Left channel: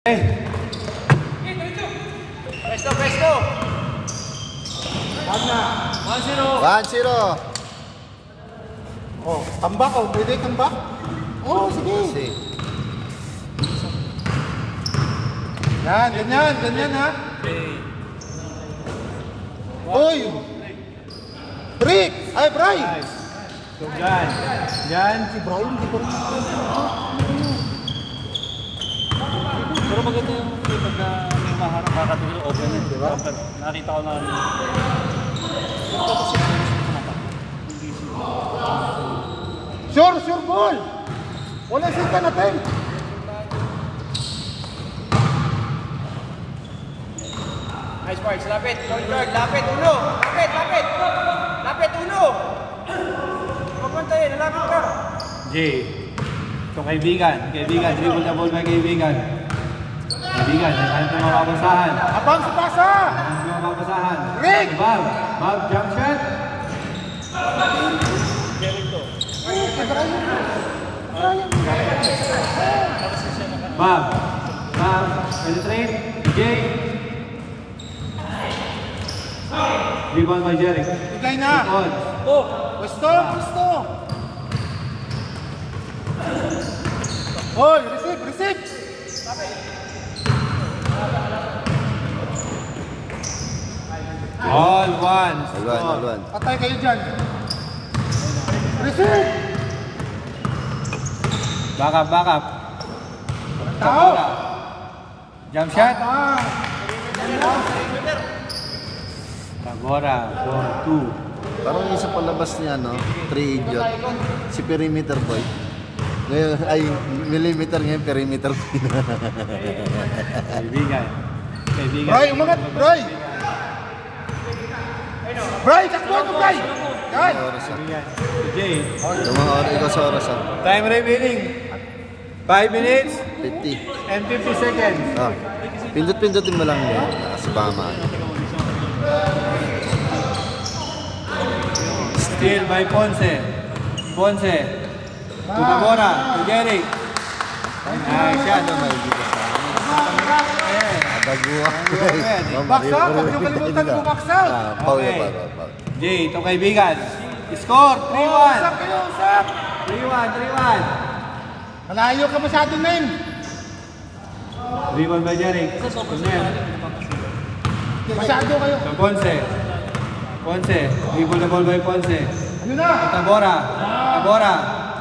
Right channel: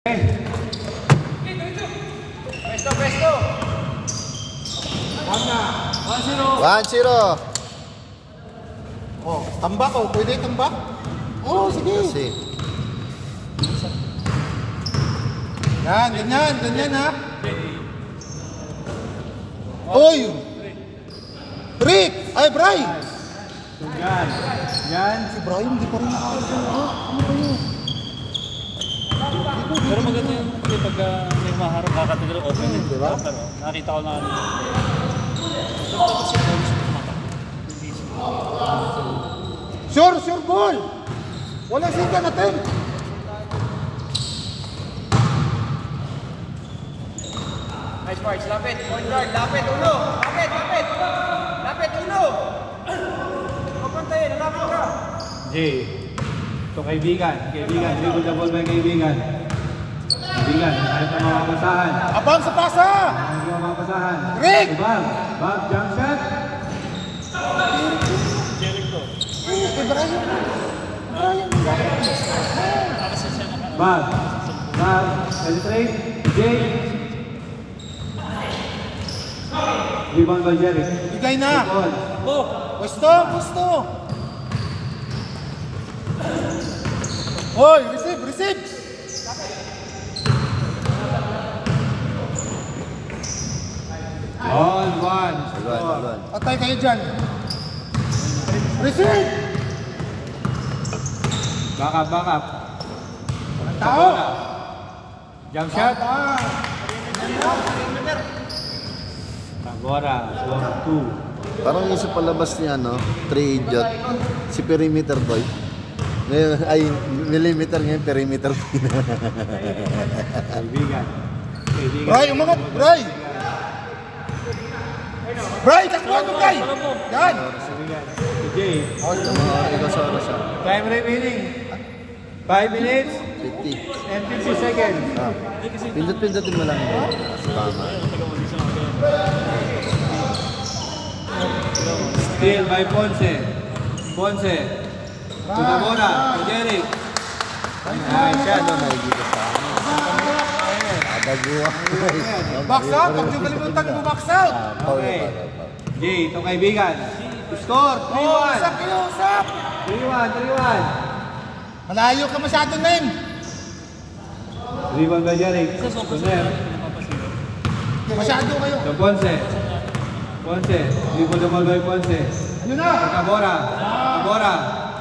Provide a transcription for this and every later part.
Presto. 1-0. Oh, tambak oh, pwede tambak? Oh, sige. Ganyan ha. Oy! Rick! Ay, Bray! Yan. Si Bray, hindi pa rin nakakasal. Pero maganda yung pagka may maharap kakatigil okay na, di ba? Nakita ko na Sure ball! Walang sinta natin. Nice parts, lapit, point guard, lapit, ulo! Lapit, ulo! Huwag pantayin, lalapit ka! Jay, ito kaibigan, dribble the ball by kaibigan, ayaw na makabasahan. Abang sa pasa! Ayaw na makabasahan. Rick! Bob, jump shot! Bob, penetrate, Jay. Rebound by Jeric. Bigay na! Oh! Pwesto! Oy, receive! All one. Patay kayo dyan. Receive! Back up. Tao! Jump shot. Tagora, 4-2. Parang yung sa palabas niya, no? 3 idiot. Si Perimeter Boy. Ay, millimeter ngayon, Perimeter Boy. Kaibigan. Bray, umangat! Bray, takbuhan mo, Bray! Yan! Jay. Ikaw sa oras, ha? Time remaining. 5 minutes 50. and 50 seconds. Ah, pindot-pindotin mo lang yun. Sa bama. Steal by Ponce. Tugabora. Jeric. Shot. May dito pa. Adaguwa. Box out! Huwag niyo kalimutan mo box out! Paul. Jay, itong kaibigan. Score, 3-1. Usap! 3-1. Malayo ka masyado, Nen! Rebound by Jeric. Masyado kayo. Ponce. Rebound the ball by Ponce. Ano na? Tabora.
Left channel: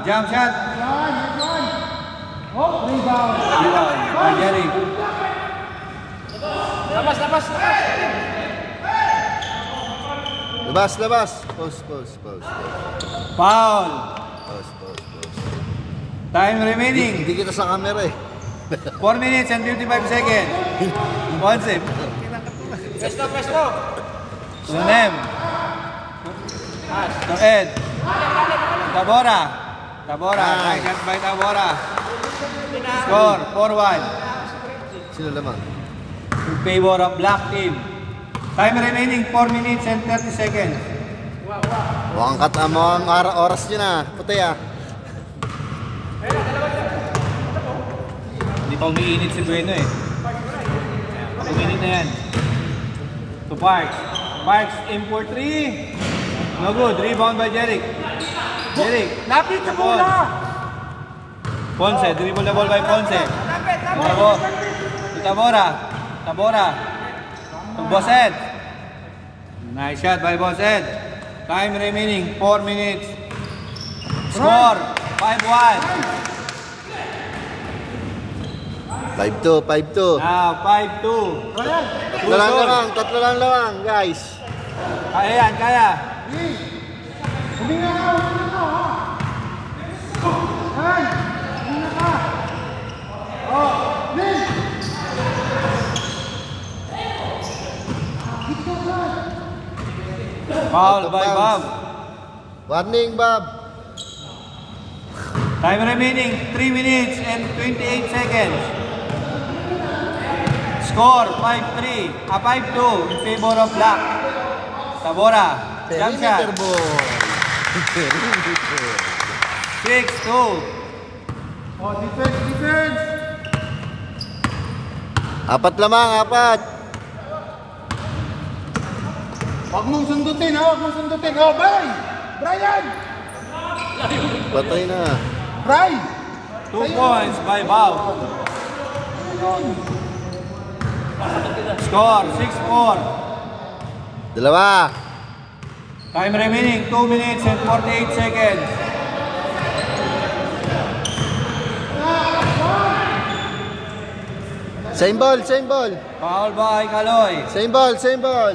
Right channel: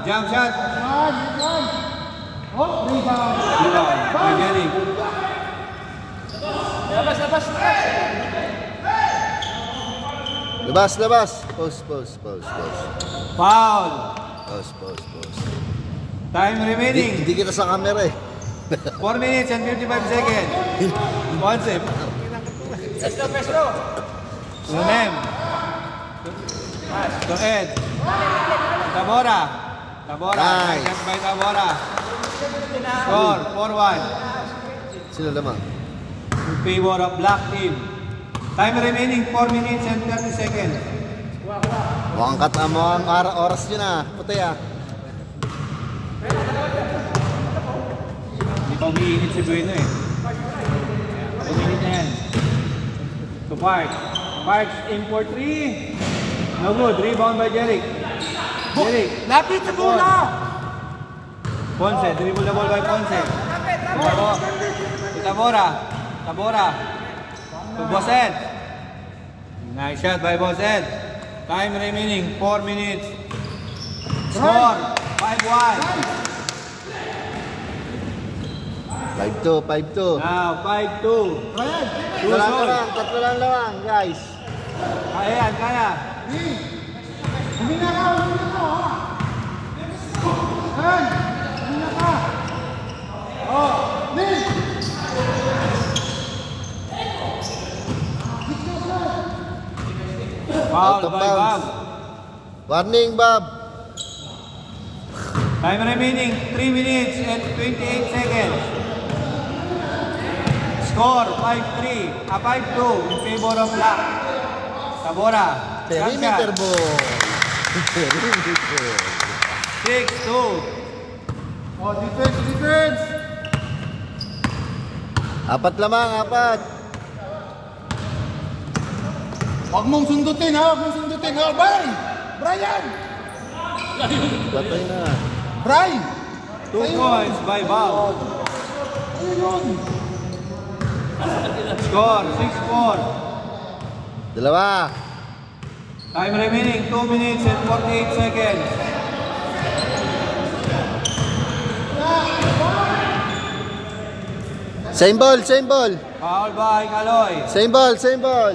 Jump shot. Yan! Oh, rebound! Rebound by Jeric. Labas. Post. Foul. Post. Time remaining. Hindi kita sa camera eh. 4 minutes and 55 seconds. Ponce. Pesto. Sunem. To Ed. Tabora. Nice. Shot by Tabora. Score, 4-1. Sino naman? In favor of Black Team. Time remaining 4 minutes and 30 seconds. Mukhang katamo ang oras nyo na. Puti ah. Hindi pa umiinit si Dueno eh. Umiinit na yan. To Parks in for 3. No good. Rebound by Jeric. Lapit sa bola! Ponce. Dribble the ball by Ponce. Tabora. To Bosed. Nice shot by Bosed. Time remaining 4 minutes. Score 5-1. 5-2. Now 5-2. Tatlo lang, guys. Kaya. Hindi na ka! Foul by Bob. Warning, Bob. Time remaining 3 minutes and 28 seconds. Score 5-3. 5-2 in favor of Black. Tabora. Perimeter ball. 6-2. Oh, defense! Apat lamang, apat. Huwag mong sundutin, ha? Huwag mong sundutin. Oh, Brian! Brian! Patay na. Brian! 2 points by Bob. Score 6-4. Dalawa. Time remaining 2 minutes and 48 seconds. Same ball, same ball. Foul by Kaloy. Same ball, same ball.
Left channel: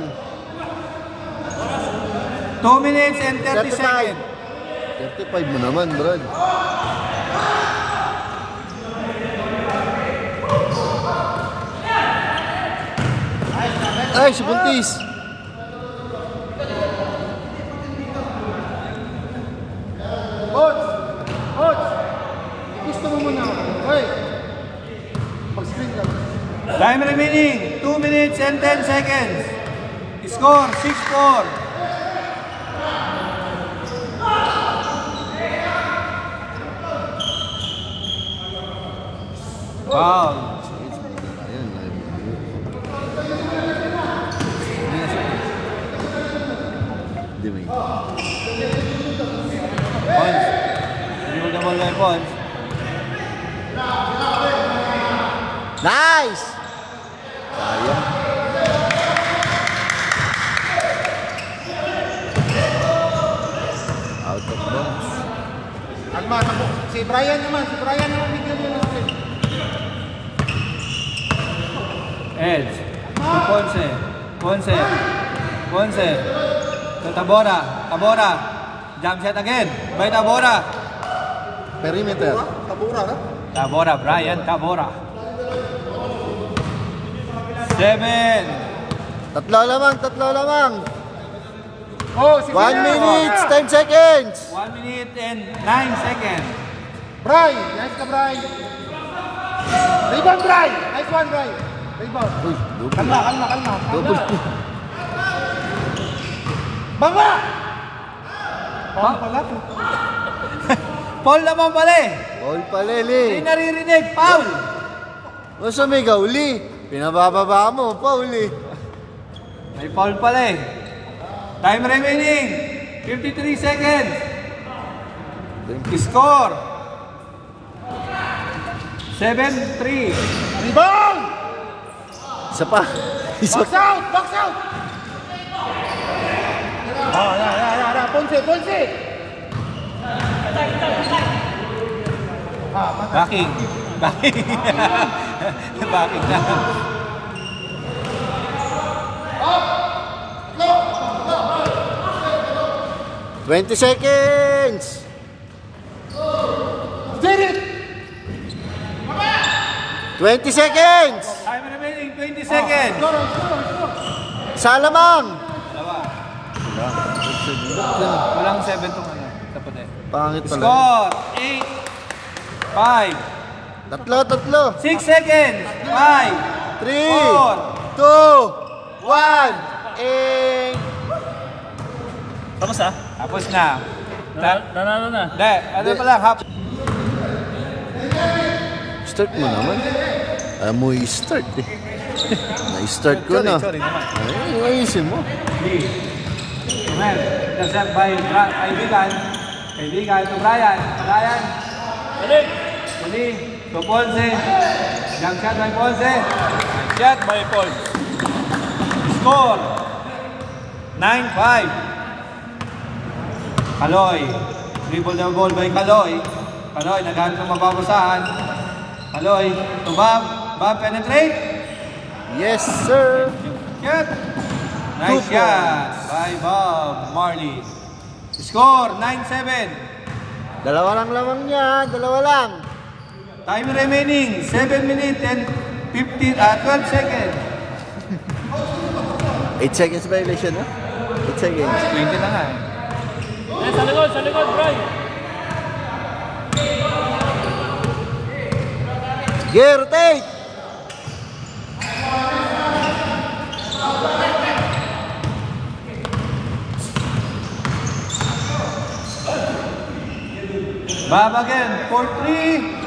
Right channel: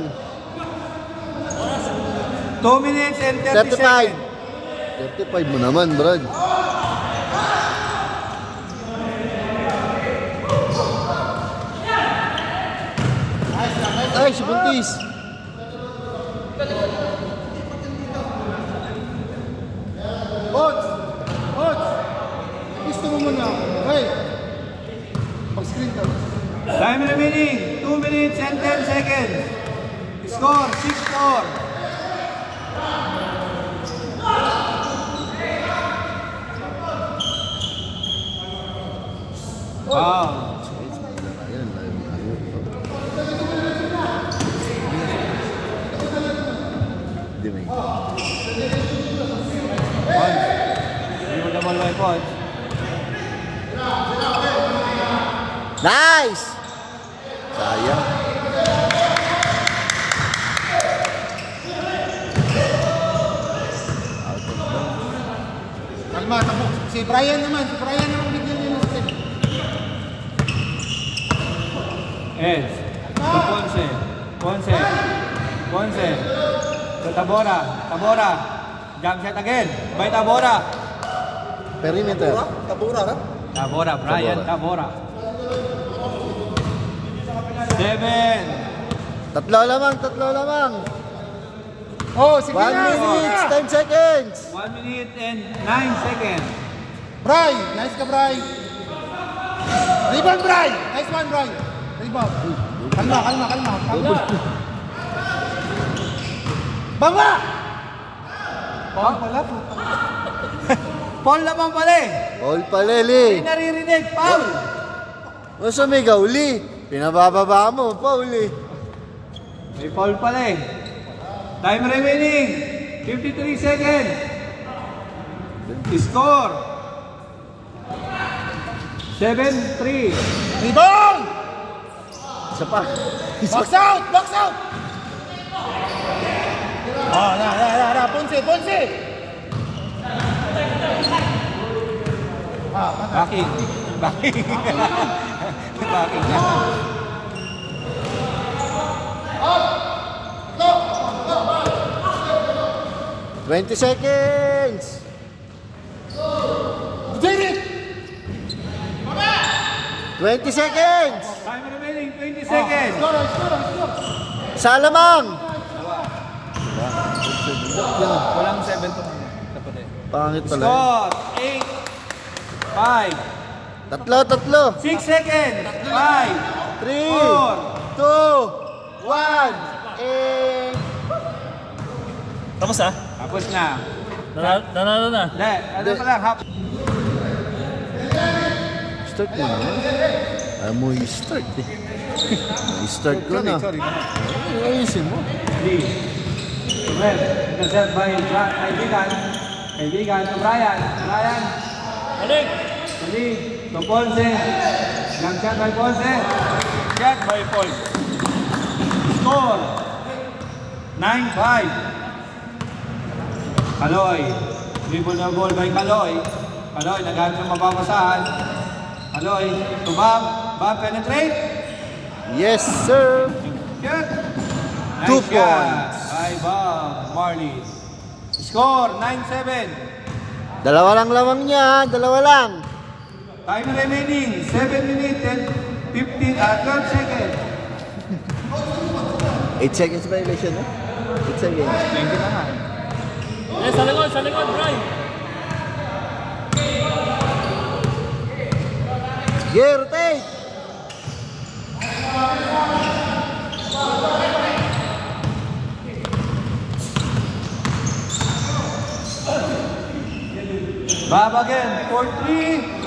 2 minutes and 30 35. seconds. 35 mo naman, Brad. Ay, si Buntis. Coach! Coach! Gusto mo muna. Hey! Pag-screen lang. Time remaining 2 minutes and 10 seconds. Score 6-4. Foul. Hindi may. Points. Hindi mo naman may points. Nice! Sayang. Kalma, tabo. Si Brian naman bigyan niya sa second. Edge. To Ponce. Ponce. Ponce. To Tabora. Tabora. Jump shot again. By Tabora. Perimeter. Tabura, ha? Tabora. Brian Tabora. 7. Tatlo lamang. Oh, sige 1 na. minute, 10 seconds. 1 minute and 9 seconds. Bray! Nice ka, Bray! Rebound, Bray! Nice one, Bray! Rebound. Kalma. Double. Baba! Baba pala po. Paul naman pala eh. Paul Paleli. Hindi naririnig. Paul. O sumigaw, uli. Pinabababa mo, Paul eh. May Paul pala eh. Time remaining 53 seconds. Score 7-3. Rebound! Isa pa. Box out! Box out! Oh, na. Ponce! Backing. Backing na. 20 seconds. Did it! 20 seconds. Time remaining 20 seconds. Isa lamang. Walang 7 tong ano. Kapatid. Pangit pala. Score 8, 5, Tatlo. 6 seconds. 5, 3, 2, 1, and... Tapos ah? Tapos na. Nanalo na. Hindi. Ano pala? Half. Start mo naman. Alam mo i-start eh. Na-start ko na. Ay, ayusin mo. Lee. Well, intercept by Kaibigan. Kaibigan to Brian. Brian. Balik! Lee. To Ponce. Jump shot ng Ponce. Shot, may Paul. Score 9-5. Kaloy. Dribble the ball by Kaloy. Kaloy, naghanap ng mababasahan. Kaloy. To Bob. Bob penetrate. Yes, sir. Good. 2 Nice shot by Bob Marley. Score 9-7. Dalawa lang lamang niya. Dalawa lang. Time remaining 7 minutes and 12 seconds. 8 seconds violation, ha? 8 seconds. 20 na nga. Sa likod, Bray! Gear, rotate! Bob again, 4-3.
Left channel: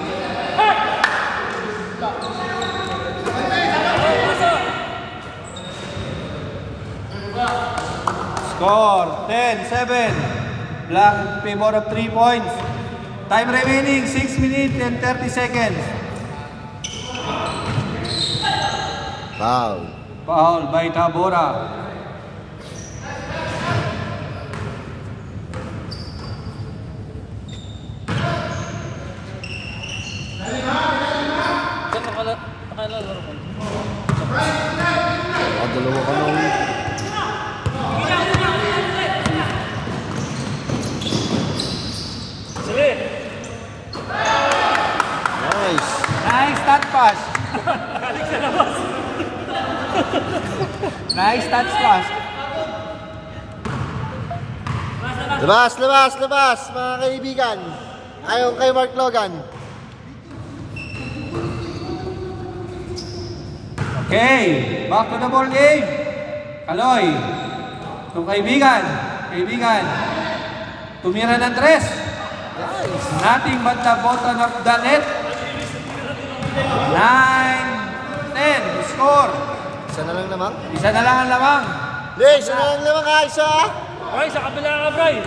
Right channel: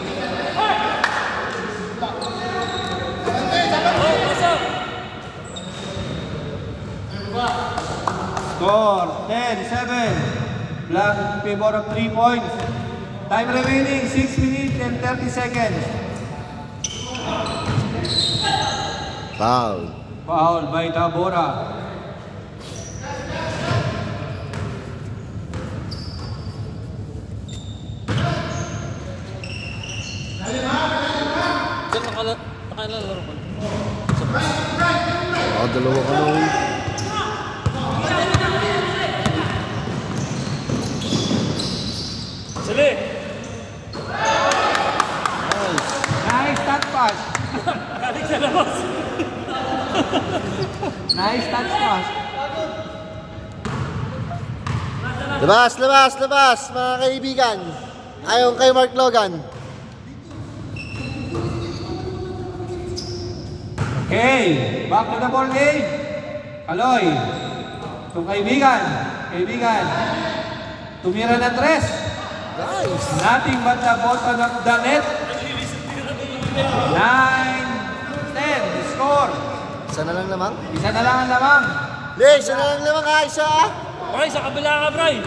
Score 10-7. Black in favor of 3 points. Time remaining 6 minutes and 30 seconds. Foul. Foul by Tabora. Dalawa ka na ulit. Sige. Nice. Nice touch pass. Kalik sa labas. Nice touch pass. Labas, labas, labas, mga kaibigan. Ayaw kay Mark Logan. Okay, back to the ball game. Kaloy. Kung kaibigan. Tumira ng 3. Nice. Nothing but the bottom of the net. 9-10. Score. Isa na lang naman. Isa na lang ang lamang. Hindi, isa na lang naman ha, isa. Okay, sa kabila ka, Bray.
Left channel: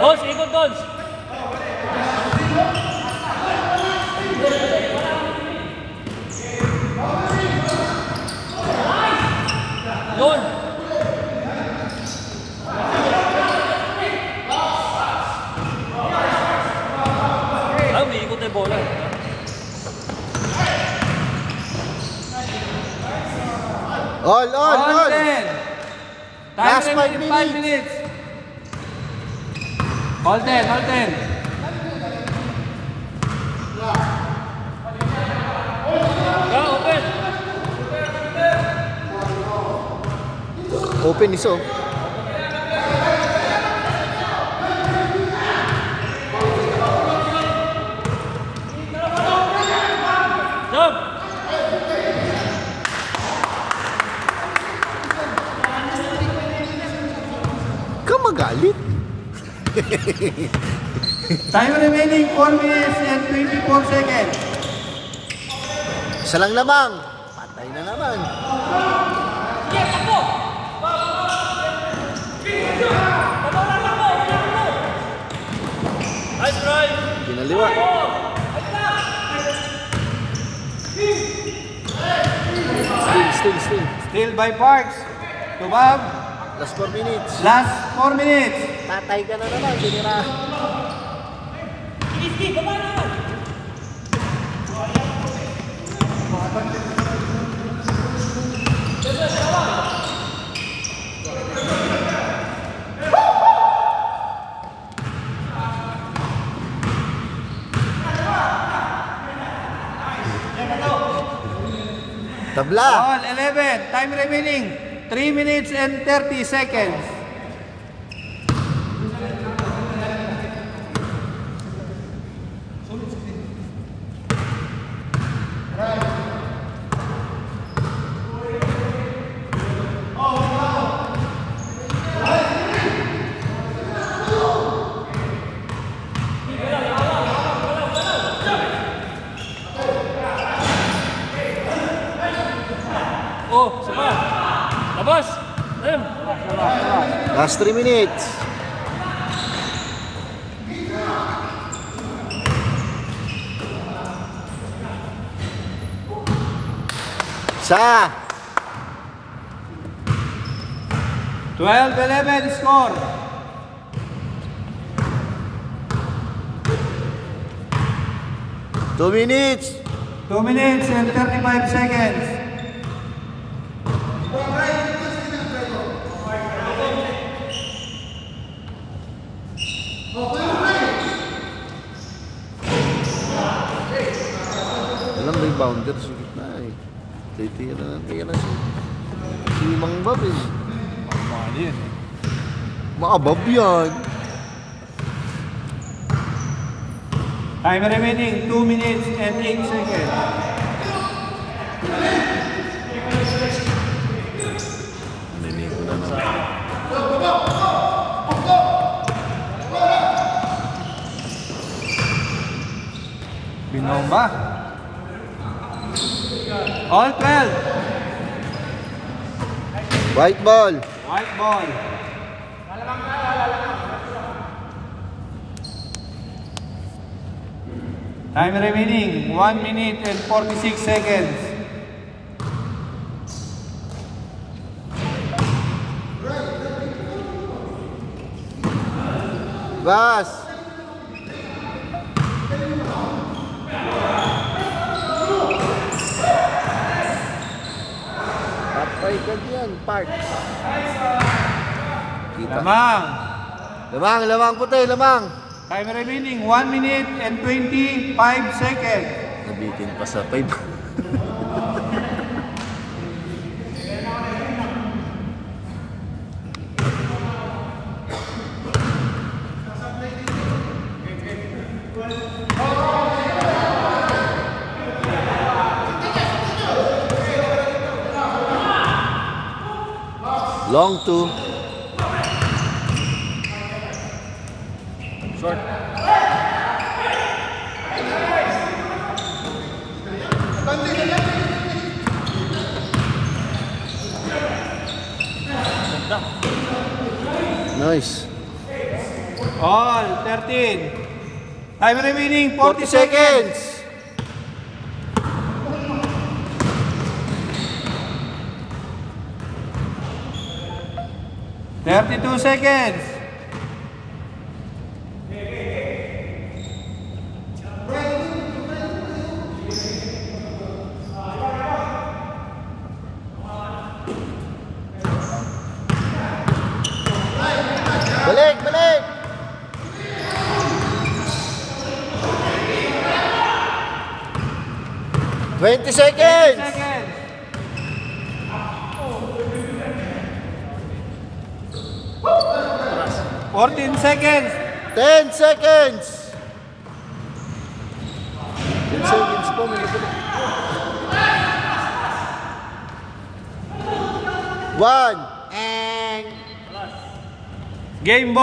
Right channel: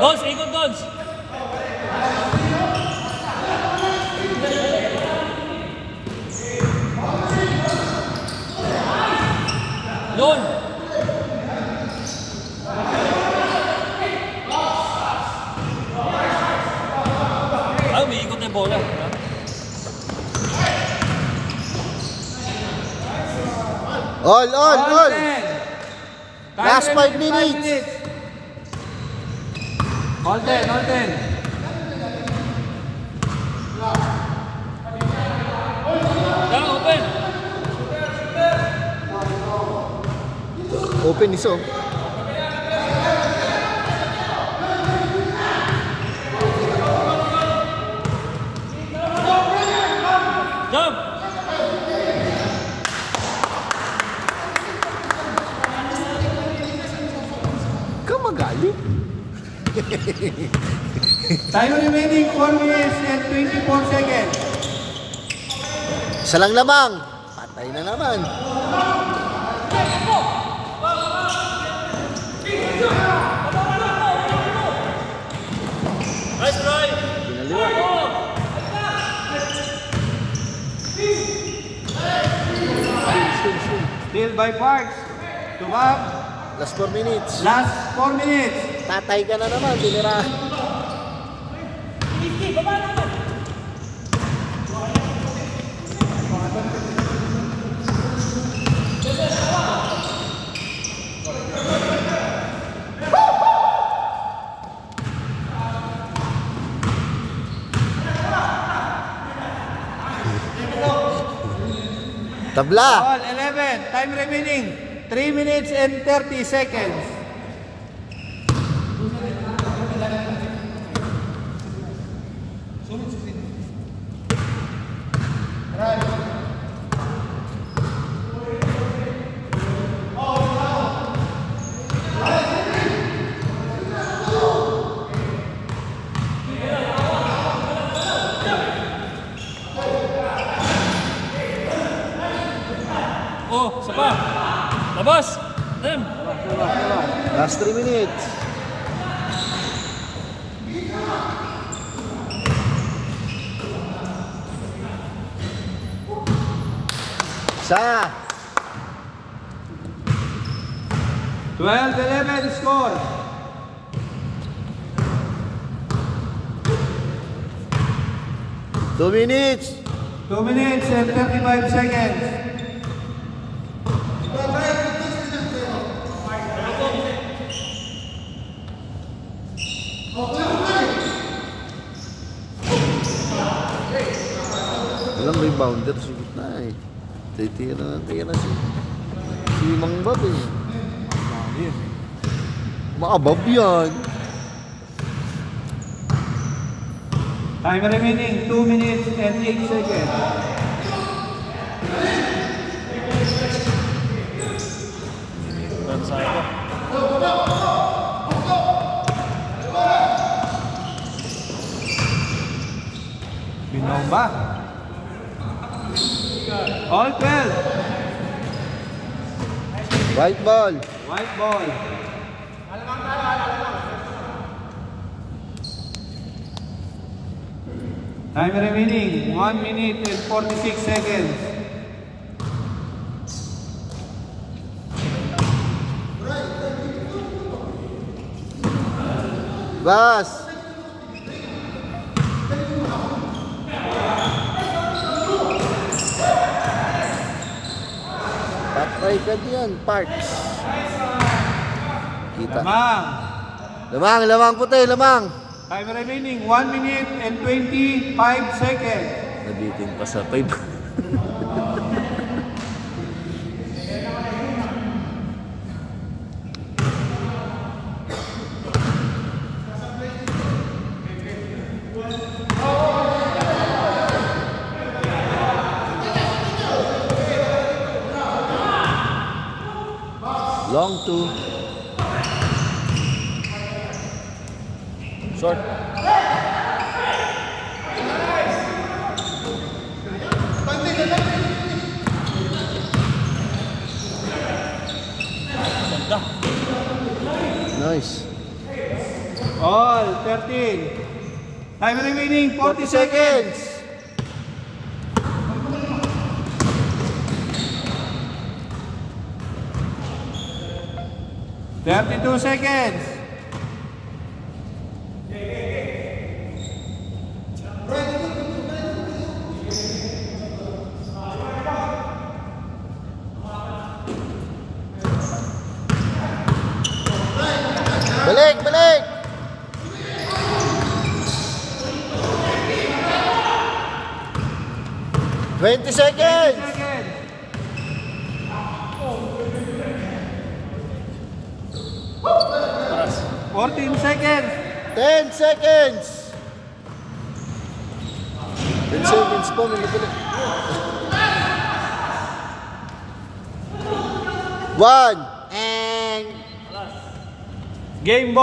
Dos, ikot Dos. Doon. Ah, may ikot na yung bola. All. 10. Last 5 remaining, minutes. All 10. Open. Open iso. Jump. Ka magalit. Time remaining 4 minutes and 24 seconds. Isa lang lamang. Patay na naman. Nice, Bray. Pinaliwa. Still. Still by Parks. Tumab. Last 4 minutes. Last 4 minutes. Tatay ka na naman. Binira. Tabla. All 11. Time remaining 3 minutes and 30 seconds. Oh, sapa. Labas. Dem. Last 3 minutes. Sa 12-11 score. Two minutes. 2 minutes and 35 seconds. Alam mo yung bounder sa gitna eh. Titira si Mang Bob eh. Makabab yan. Time remaining 2 minutes and 8 seconds. Binomba. All 12. White ball. White ball. Time remaining 1 minute and 46 seconds. Gas. Patay ka diyan, parts. Kita. Lamang. Lamang puti, lamang. Time remaining 1 minute and 25 seconds. Nabitin pa sa 5. Long 2. Short. Nice. All 13. Time remaining 40 seconds. $32 seconds. Balik, balik. $20 seconds. 14 seconds. 10 seconds. 10 seconds pa, nalabalik. 1. Game ball.